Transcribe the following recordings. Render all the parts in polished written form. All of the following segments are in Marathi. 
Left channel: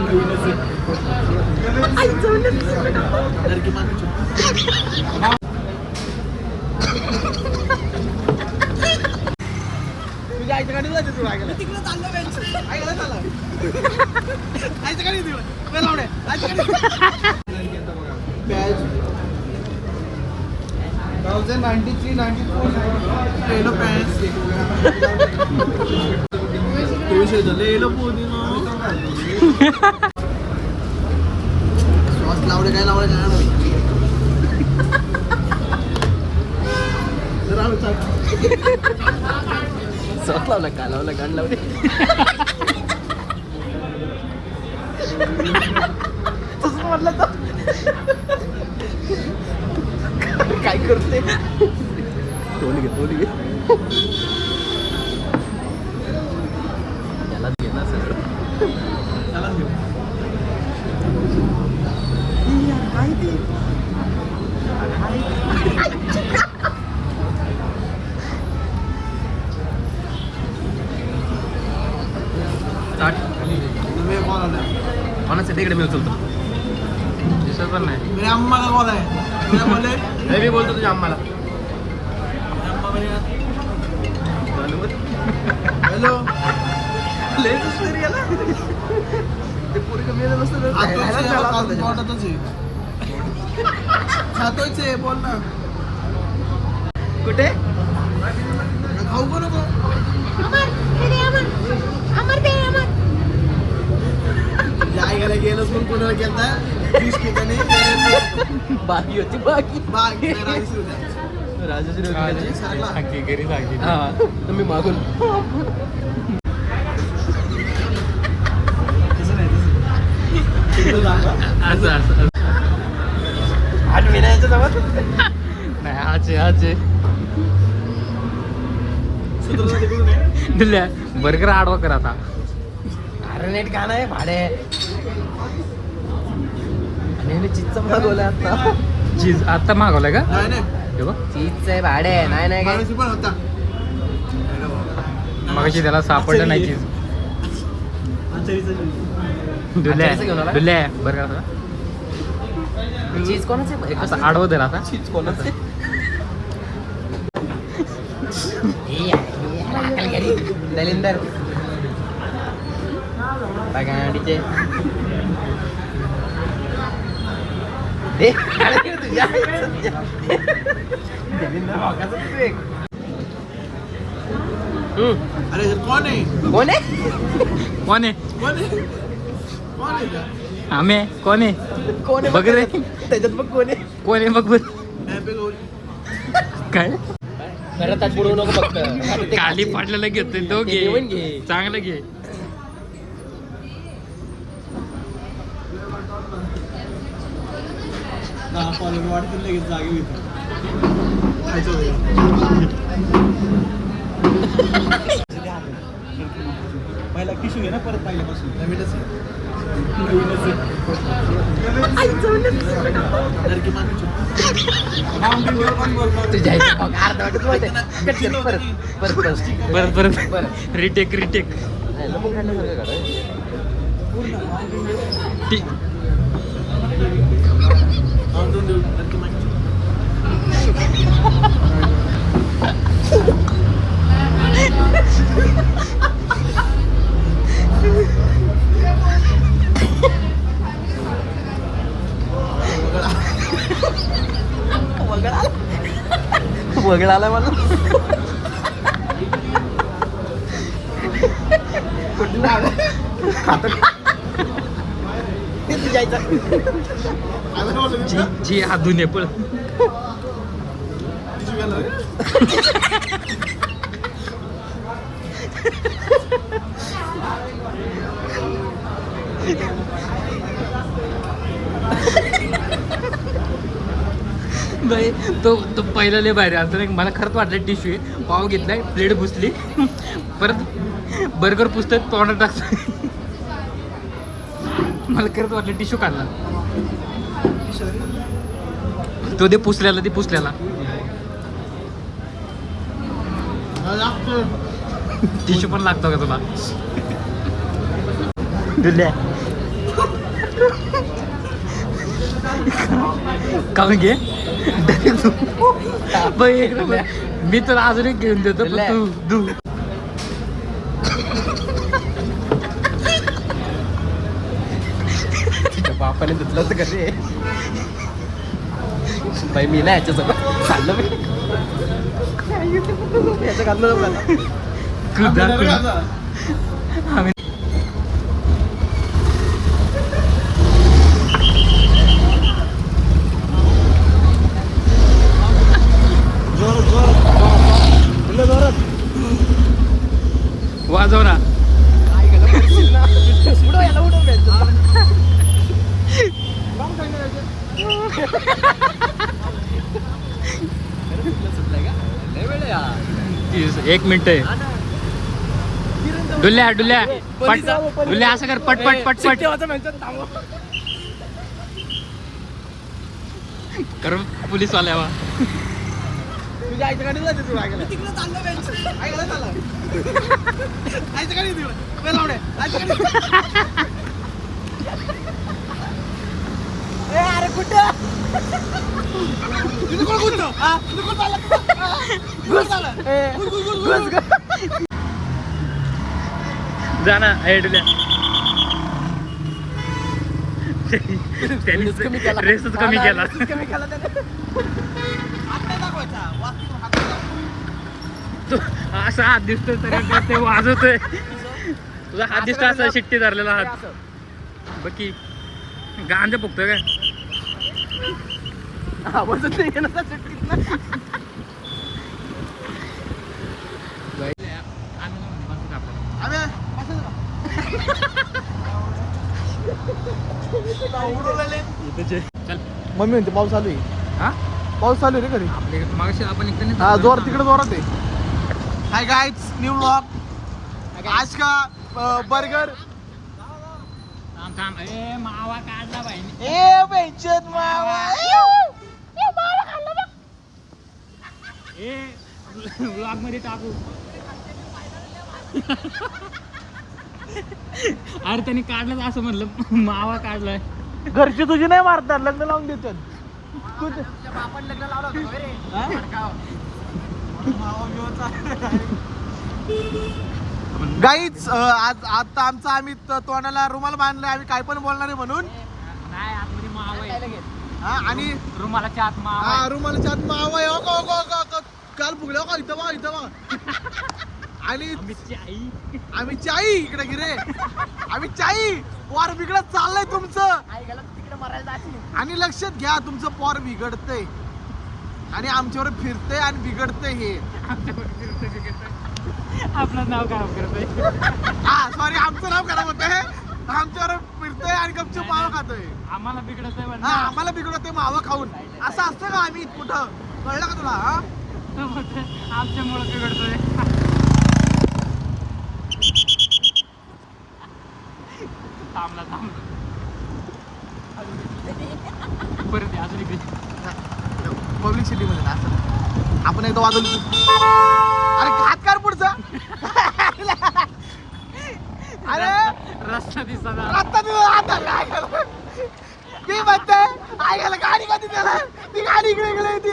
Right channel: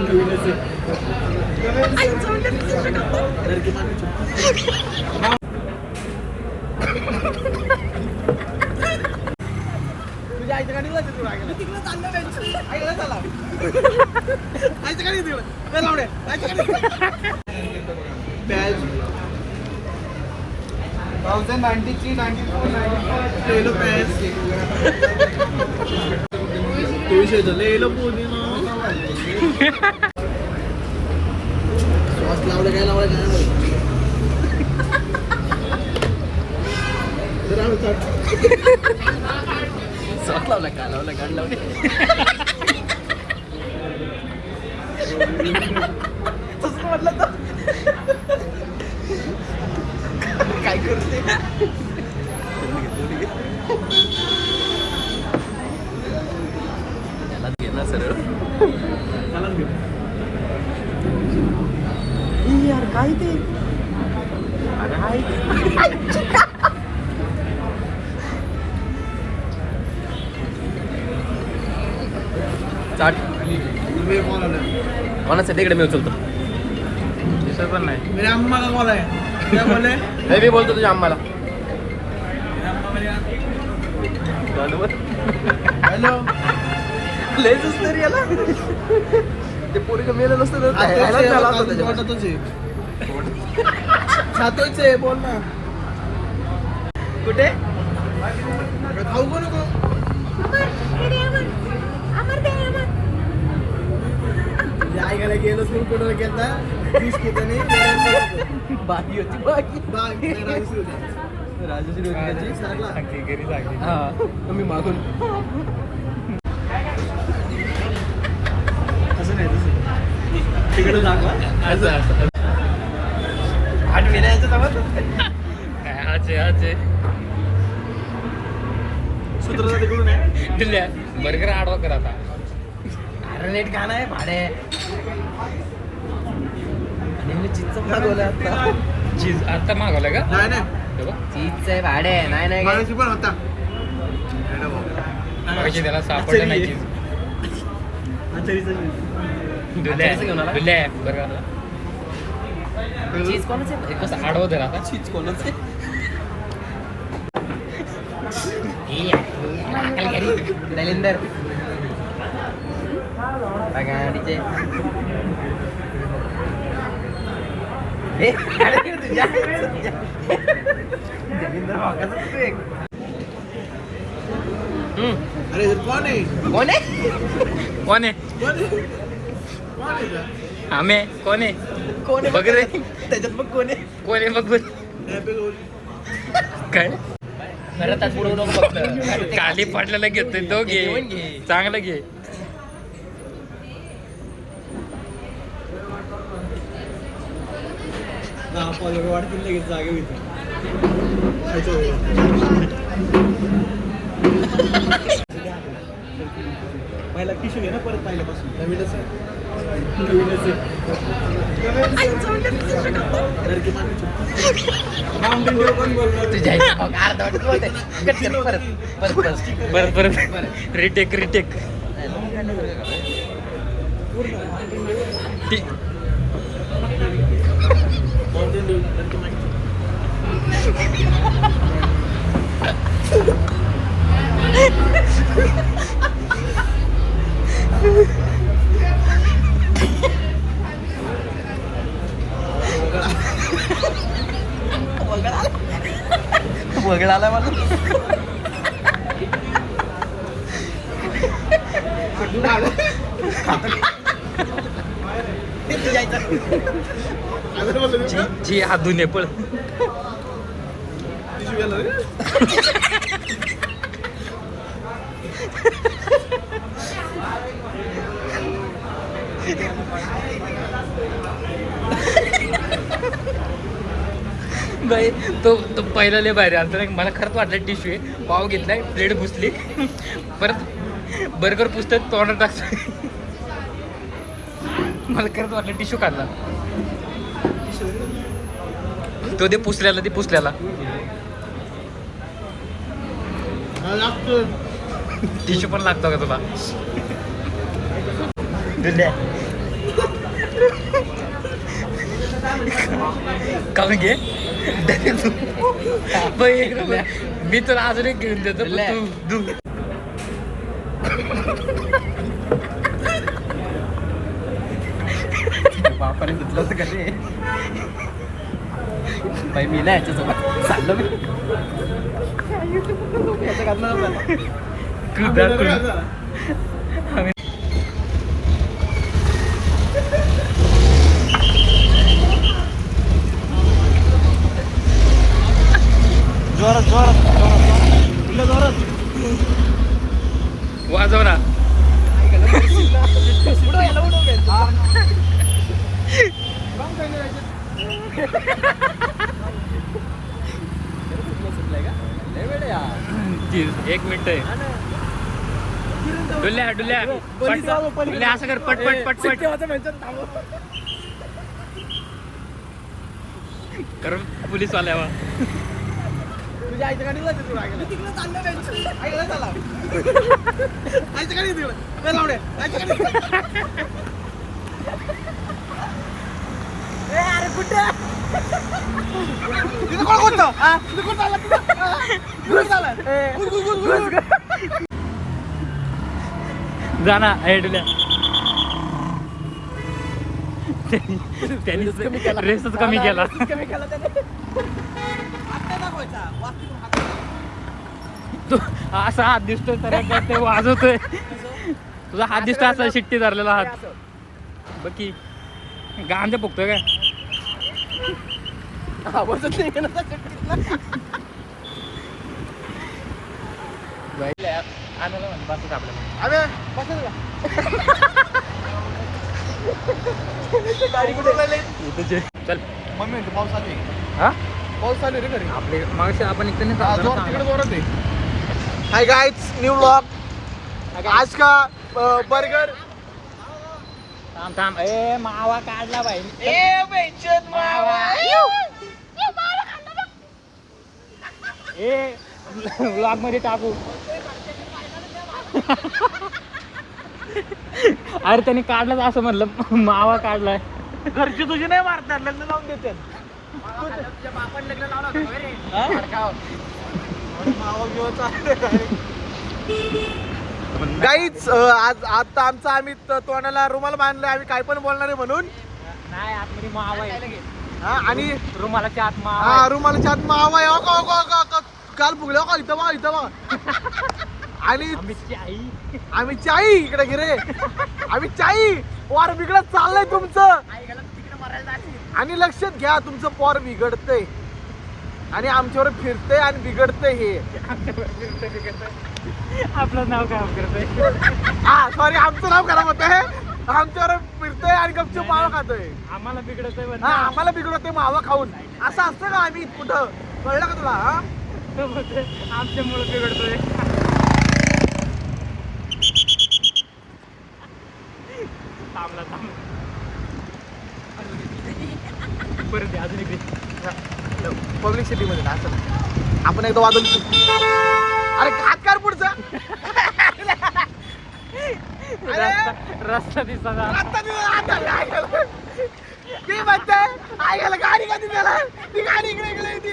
तुझ्या आईच्या गाडी जायचं तुला तिकडे चाललं आईकडे चालला आईच्या गाडी तिकडे लावडे आईच्या गाडी बॅच 1093 94 ले लो पैस तू इसे ले लो पूरी ना सॉस लावडे काय भाई जरा सॉस लावला का लावला गाण लावली तसं म्हटलं तर काय करते बोली त्याला घे ना सरळ त्यालाच घे यार काय ते कोणाचं तिकडे मी उचलतो दिसत पण नाही मेरी अम्मा का कॉल आहे क्या बोले मी बोलतो तुझ्या अम्माला हॅलो लेजच नाही याला ते पोरी का मेलं नसतं खातोच आहे बोल ना कुठे खाऊ को नको जायला गेलो म्हणून कोणाला केलता 20 किलोने बाकी होती बाकी राजश्री सांगे गेली सांगे हां तुम्ही मागून असं आठ विनायचं जवळ नाही आज सूत्र तिकडून आहे दिल्या बर्गर आडवा कर आता रेट काय नाही भाडे आणि चीजचा मागवला आता चीज आता मागवलाय का नाही नाही चीजचं आहे भाडे नाही नाही मागाशी पण होता मागाशी त्याला सापडलं नाही चीज बर्गर चीज कोणाचं असं आडवं दे आता चीज कोणाचं दलिंदर गाडीचे अरे कौन है आम्ही कोण आहे बघ रे त्याच्यात बघ कोण आहे बघ काय खरं तर पुढे नको फक्त काली पाटल्याला घेतोय तो घे चांगलं घे पहिला टिश्यू घे ना परत पहिल्यापासून नवीनच परत रिटेक वगैरे आला मला जी हातून पण बाई तो पहिला लय बाहेर आलता मला खरंच वाटलं टिश्यू आहे पाव घेतलाय प्लेट पुसली परत बर्गर पुसतोय तोंडात टाकतोय मला खरंच वाटलं टिश्यू काढला तो दे पुसल्याला टिश्यू पण लागतो का तुला दिल्या काऊन घे बाई एक नंबर. मी तर अजून एक घेऊन देतो पण तू दू. बापाने धुतलं होतं कधी बाई मी ना याच्यासोबत चाललं मी याचं घाललं आम्ही वाजव ना. एक मिनिट आहे. डुल्या डुल्या पट डुल्या असं कर पट पट पट पट कर पोलीस वाल्यावा. तुझ्या आईच्या गाडीला जायचं तुला तिकडे चाललं ऐकलं चालला आईच्या गाडी तिकडे लावणे आईच्या गाडी ए अरे कुठे तिथं कोण कोणतं हा तिथं कोण चालला तिथं चालला जा ना हे डुल्या. त्यांनी रेसच कमी केला. कमी केला त्याने हात नाही दाखवायचा वाचतो हात तू असा हात दिसतोय तर ते वाजवतोय. तुझा हात दिसतोय असा शिट्टी धरलेला हात बघ की गांजा फुकतोय काय. आवाजच नाही येणार आम्हाला म्हण बसत आपलं. अरे कशाला चल मम्मी म्हणते पाऊस चालू आहे. हा पाऊस चालू आहे रे घरी आपले मागच्या आपण इकडे नाही थांबलो जोर ना. तिकडे जोरात आहे. हाय गाइस न्यू व्लॉग आज का बर्गर थांब थांब ए मावा काढला बाई. ए बेचत मावा ए ब्लॉग मध्ये टाकू. अरे त्यांनी काढलाच असं म्हणलं मावा काढलाय. घरची तुझी नाही मारतात लग्न लावून देतात गाईच आज आता आमचा आम्ही तोंडाला रुमाल बांधले आम्ही काय पण बोलणार आहे म्हणून. नाही आतमध्ये मावा आहे. हा आणि रुमालाच्या आत मावा हा आहे. रुमालाच्या आत मावा आहे. काल फुगल्या का इथं बघा इथं बघा आणि आम्ही चाई इकडे गिरे आम्ही चाई पोर बिघडत चाललंय तुमचं. आणि लक्षात घ्या तुमचं पोर बिघडतंय आणि आमच्यावर फिरतंय आणि बिघडतंय हे. आपलं नाव काय करतोय. हा सॉरी आमचं नाव खराब होत आहे. आमच्यावर फिरतंय आणि गपचूप मावा खातोय. आम्हाला बिघडतोय हा आम्हाला बिघडतंय मावा खाऊन. असं असतं का आम्ही कुठं कळलं का तुला. हा आमच्यामुळे बिघडतोय. थांबला थांबला परत अजून इकडे पब्लिक सिटी मध्ये ना असं आपण एकदा वाजवलं. अरे हात काढ पुढचा. रस्ता दिसता आता मी म्हणते ऐकायला गाडी कधी गेलाय ती गाडी इकडे गेली ती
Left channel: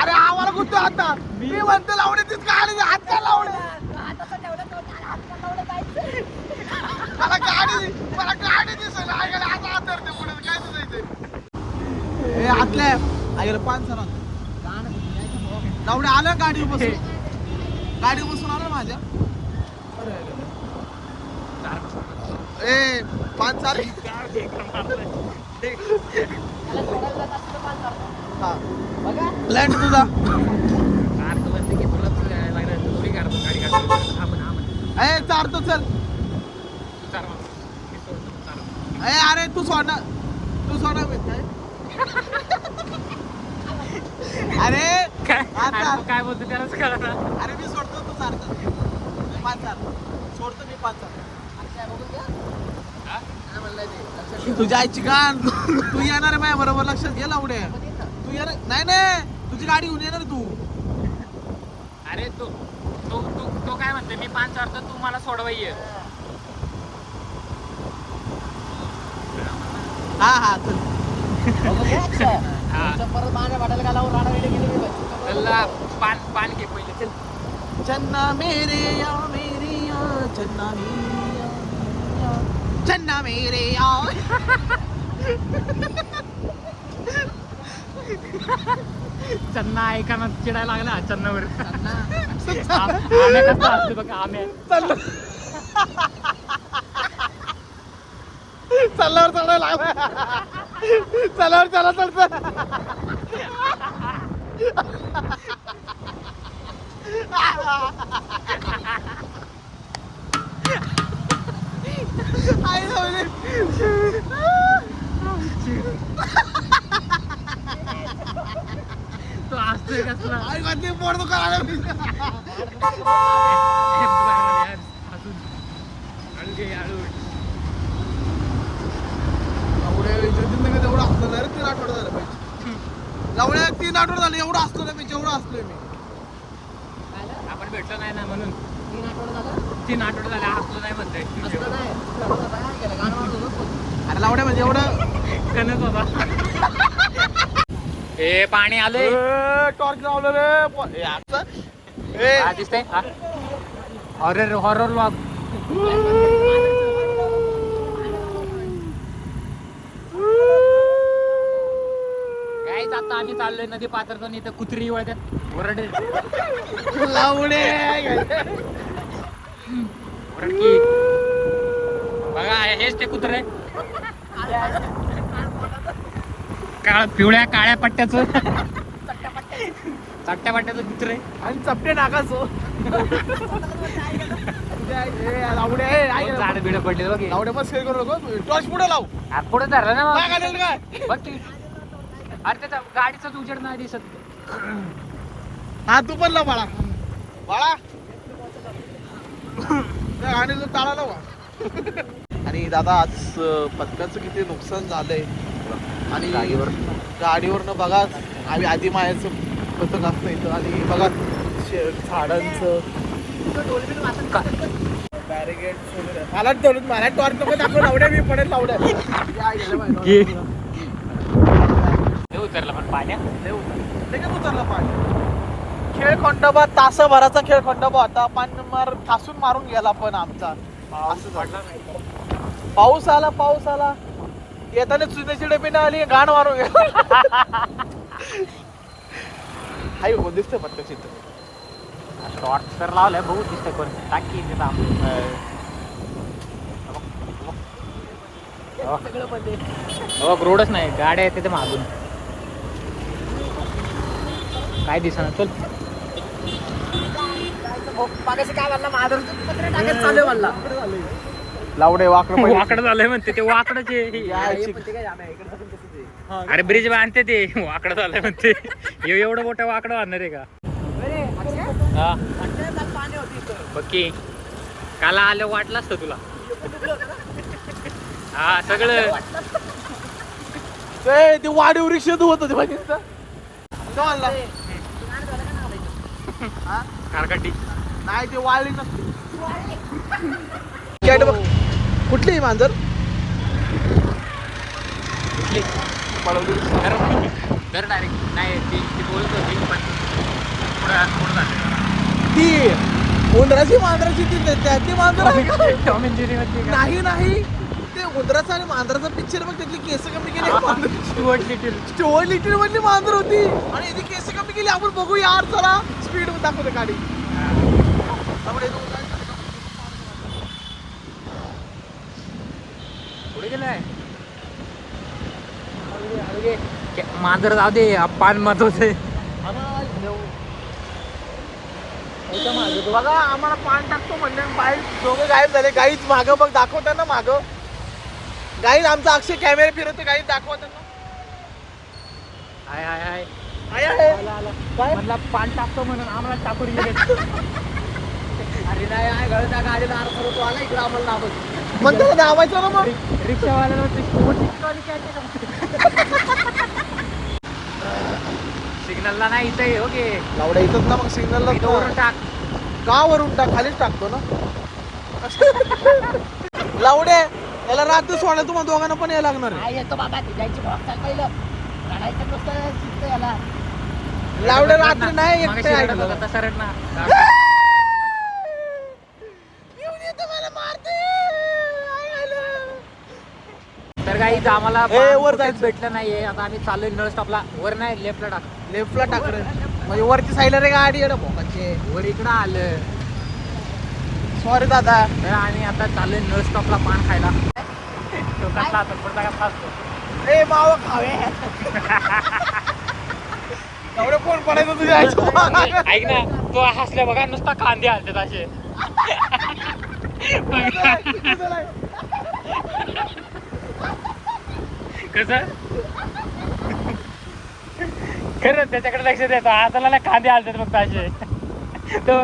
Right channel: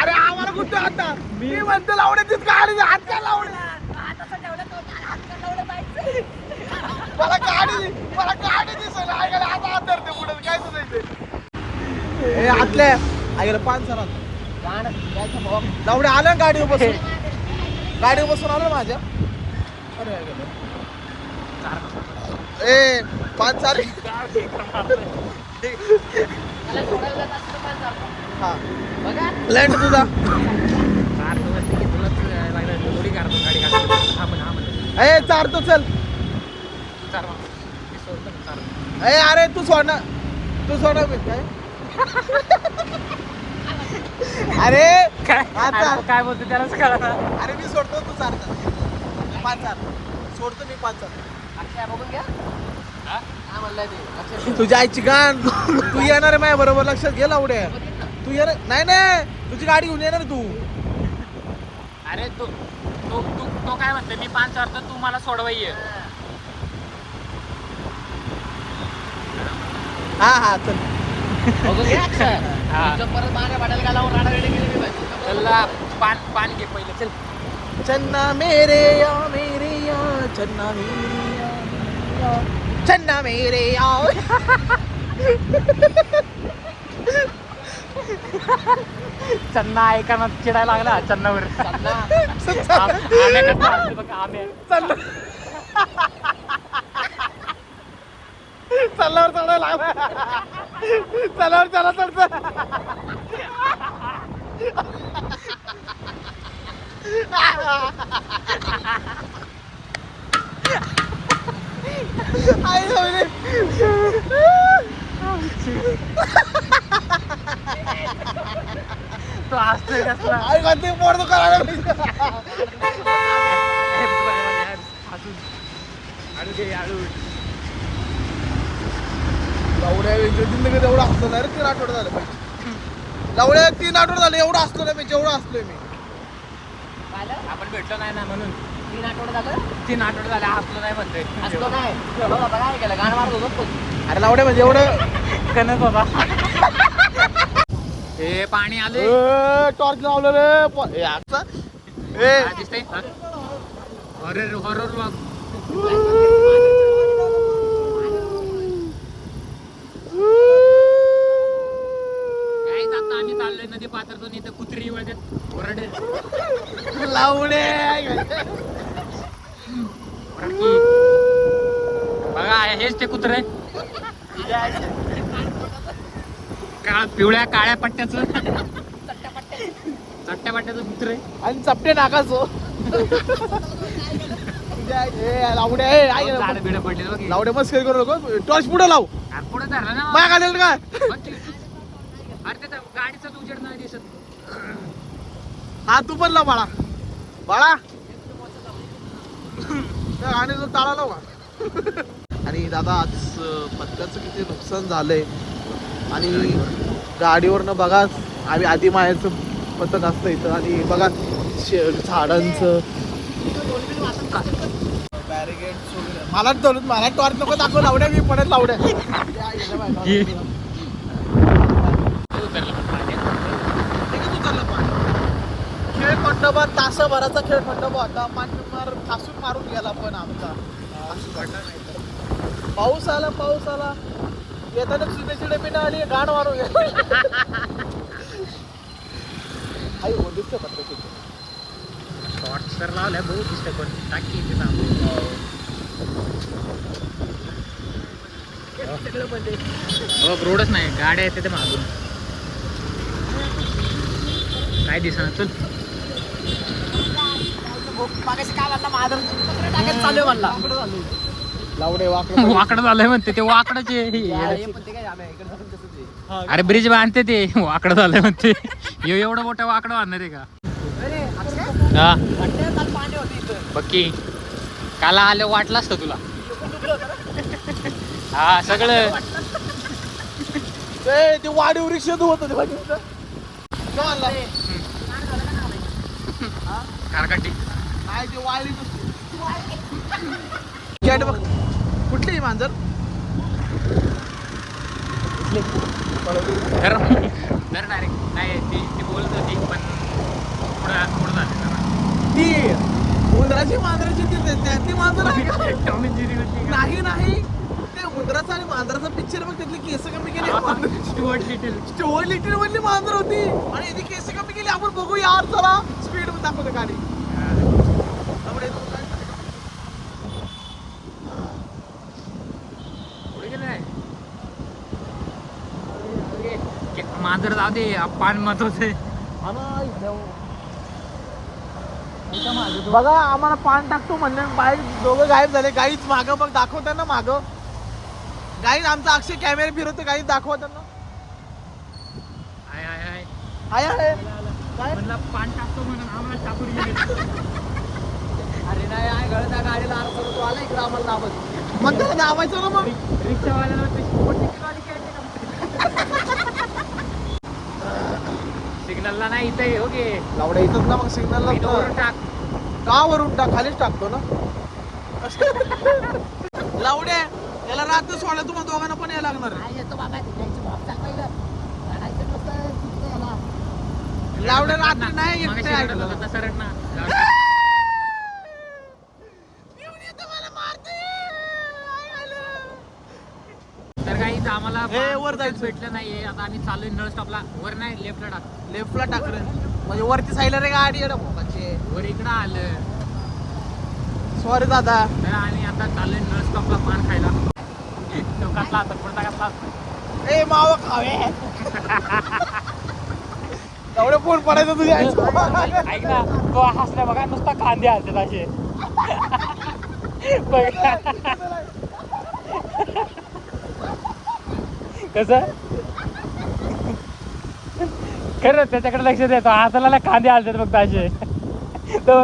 अरे आम्हाला कुठं आता मी म्हणते लावणे तीच गाडी हात का लावणे. मला गाडी दिसत ऐकायला आता हात धरते पुढे काय सुधायचे आतल्या ऐकायला पाच सर लावणे आलं गाडीवर बसून आलं माझ्या. ए पाच चार लँड तुझा ए चार तो चल. ए अरे तू सोडणार काय अरे काय बोलतो त्यालाच कळा. अरे मी सोडतो तू चार पाच चार सोडतो मी पाच चार. तुझ्या आईची गाण तू येणार आहे माझ्या बरोबर लक्षात घे लावड्या. तू येणार नाही तुझी गाडी घेऊन येणार तू. अरे तो काय काय म्हणते मी 5 वाजता तू मला सोडवा ये. हा चल. हा. चला पान घे पहिले चल. चन्ना मेरे या चन्ना मेरे या चन्ना ऐकायला चिडायला लागला चन्नावर. चला तो हसतोय कसला. पोट दुखायला एवढं असलं नाही रे. 3 आठवडे झाले पाहिजे. लावड्या 3 आठवडे झाले एवढं असलो नाही मी जेवढं असलोय मी. आपण भेटलो नाही ना म्हणून. 3 आठवडे झाले हसलो नाही म्हणतोय. अरे लावड्या म्हणजे एवढं कनक बाबा. ए पाणी आले. टॉर्च लावलं रे. दिसतंय हॉरर व्लॉग. काय आता आम्ही चाललोय नदी पात्रातून. इथं कुत्री वळतात ओरडे. ओरडकी बघा हेच ते कुत्रे. पिवळ्या काळ्या पट्ट्याचं चट्ट्या पट्ट्याचं कुत्रे आणि चपटे नाकाचं. झाडं बिडं पडले बघ. लावड्या बस करू नको. टॉर्च पुढे लाव. पुढे धरलं ना काय घालेल काय. बघ की. अरे त्याचा गाडीचाच उजेड नाही दिसत. हा तू पण लाव बाळा आणि जो ताळा लावा. आणि दादा आज पत्त्याचं किती नुकसान झालंय. आणि गाडीवरनं बघा आम्ही आधी मायाचं पथक असतं इथं. आणि बघा झाडांचं बॅरिगेड्स वगैरे. मला टॉर्च नको दाखव. लावड्या मी पडेल लावड्या. खेळ खंडोबा तासाभराचा खेळ खंडोबा होता. ठासून मारून गेला पण आमचा. पाऊस आला येताना चिडे पिंडा आली गाण मारून गेला. आई हो दिसते टॉर्च तर लावलंय बहुत दिसतंय पण टाकी रोडच नाही. गाड्या आहेत तिथे मागून. काय दिसणार. चल लावडे वाकडं झालंय म्हणते ते. वाकडच अरे ब्रिज बांधते ते. वाकडं झालंय म्हणते. एवढं मोठं वाकडं बांधणार आहे का. हा बक्की काला आलं वाटलं असतं तुला. हा सगळं ते वाढीव रिक्षा होत होते कारकटी. नाही ते वाळली नसते. बघ कुठली मांजर. धर डायरेक्ट. नाही ती बोलत होती पण ती उंदराची मांजराची त्यातली मांजर नाही. ते उंदराचा आणि मांजराचा पिक्चर बघ. त्यातली केस कमी केली. स्टुअर्ट लिटिल मधली मांजर होती आणि इथे केस कमी केली. आपण बघू यार चला. स्पीड मध्ये दाखवते गाडी. पुढे गेलाय मांजर. जाऊ दे पान मत होते. बघा आम्हाला पान टाकतो म्हणजे बाईक दोघं गायब झाले. गाईच मागं बघ दाखवताना मागं. गाईड आमचा अक्षय कॅमेरा फिरवतो. गाईड दाखवताना हाय हाय हाय आहे आहे. काय म्हणला पान टाकतो म्हणून आम्हाला टाकून गेले. अरे नाही आहे गळत्या गाडीला अर्थ तो आला इकडे आम्हाला नावच मग त्याला नावायचं ना. मग रिक्षावाल्याला सिग्नलला नाही इथे ओके. लावड्या इथंच ना मग सिग्नलला टाक. का वरून टाक खालीच टाकतो ना. लावडे याला रात्र सोडा तुम्हाला दोघांना पण यायला लागणार आहे. लावडे रात्री नाही येत नाही ऐकलं. तसा रट ना. तर काही आम्हाला वर कुठेच जायचं. भेटलं नाहीये. आता आम्ही चाललोय नळ स्टॉपला. वर नाही लेफ्टला टाक. लेफ्टला टाकरे म्हणजे वरती साईडला रे गाडी येणं भोकाचे. वर इकडं आलं. सॉरी दादा. तर आणि आता चाललोय नळ स्टॉपला पान खायला. तो कसला असतो पुढचा कसला असतो. ए मावा खावे. एवढं फोन पडायचं तुझ्या आईचं. ऐक ना तो हसल्या बघा नुसता कांदे हसत असे बघा कस खरं त्याच्याकडे लक्ष द्यायचं हसायला कांदे हसत बघतो असे तो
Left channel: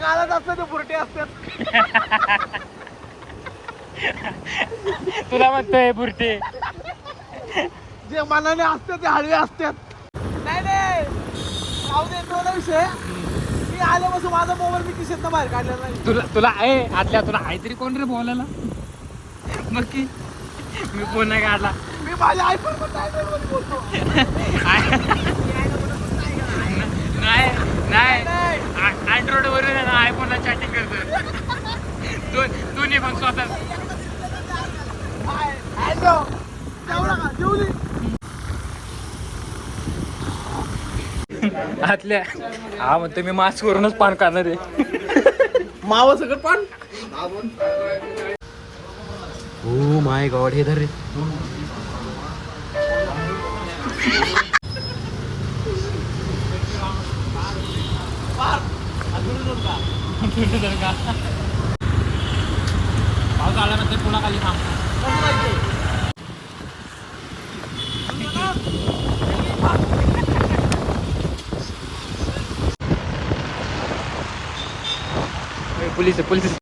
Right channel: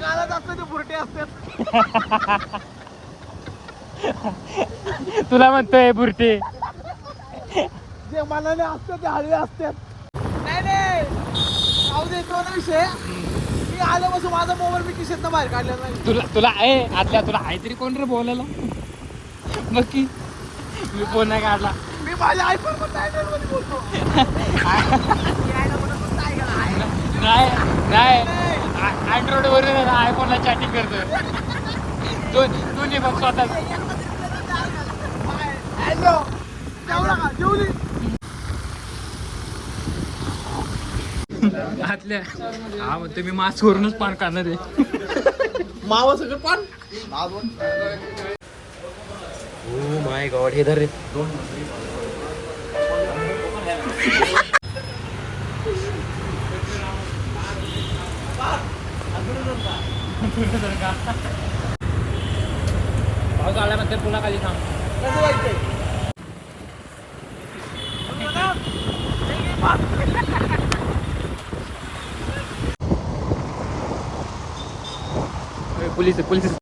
गालात असतं ते बुरटे असतात. तुला म्हणतोय बुरटी जे मनाने असतात ते हळवे असतात. नाही नाही जाऊ दे तो नाही विषय. मी आल्यापासून माझा मोबाईल मी खिशातनं बाहेर काढलेला नाही. तुला आतल्या तुला आहे तरी कोण रे बोलायला बघ की मी फोन नाही काढला. मी माझ्या आयफोन पण नाही बोलतो. नाही नाही अँड्रॉइड वरून आयफोनला चॅटिंग करतो दोन्ही पण स्वतः जेवली आतल्या हा म्हणतो मी मास्क वरूनच पान खाणार आहे. मावा सगळं पण ओ माय गॉड हे धर रे. पाऊस आल्यामध्ये पुलाखाली थांब. कसं जायचंय पोलीस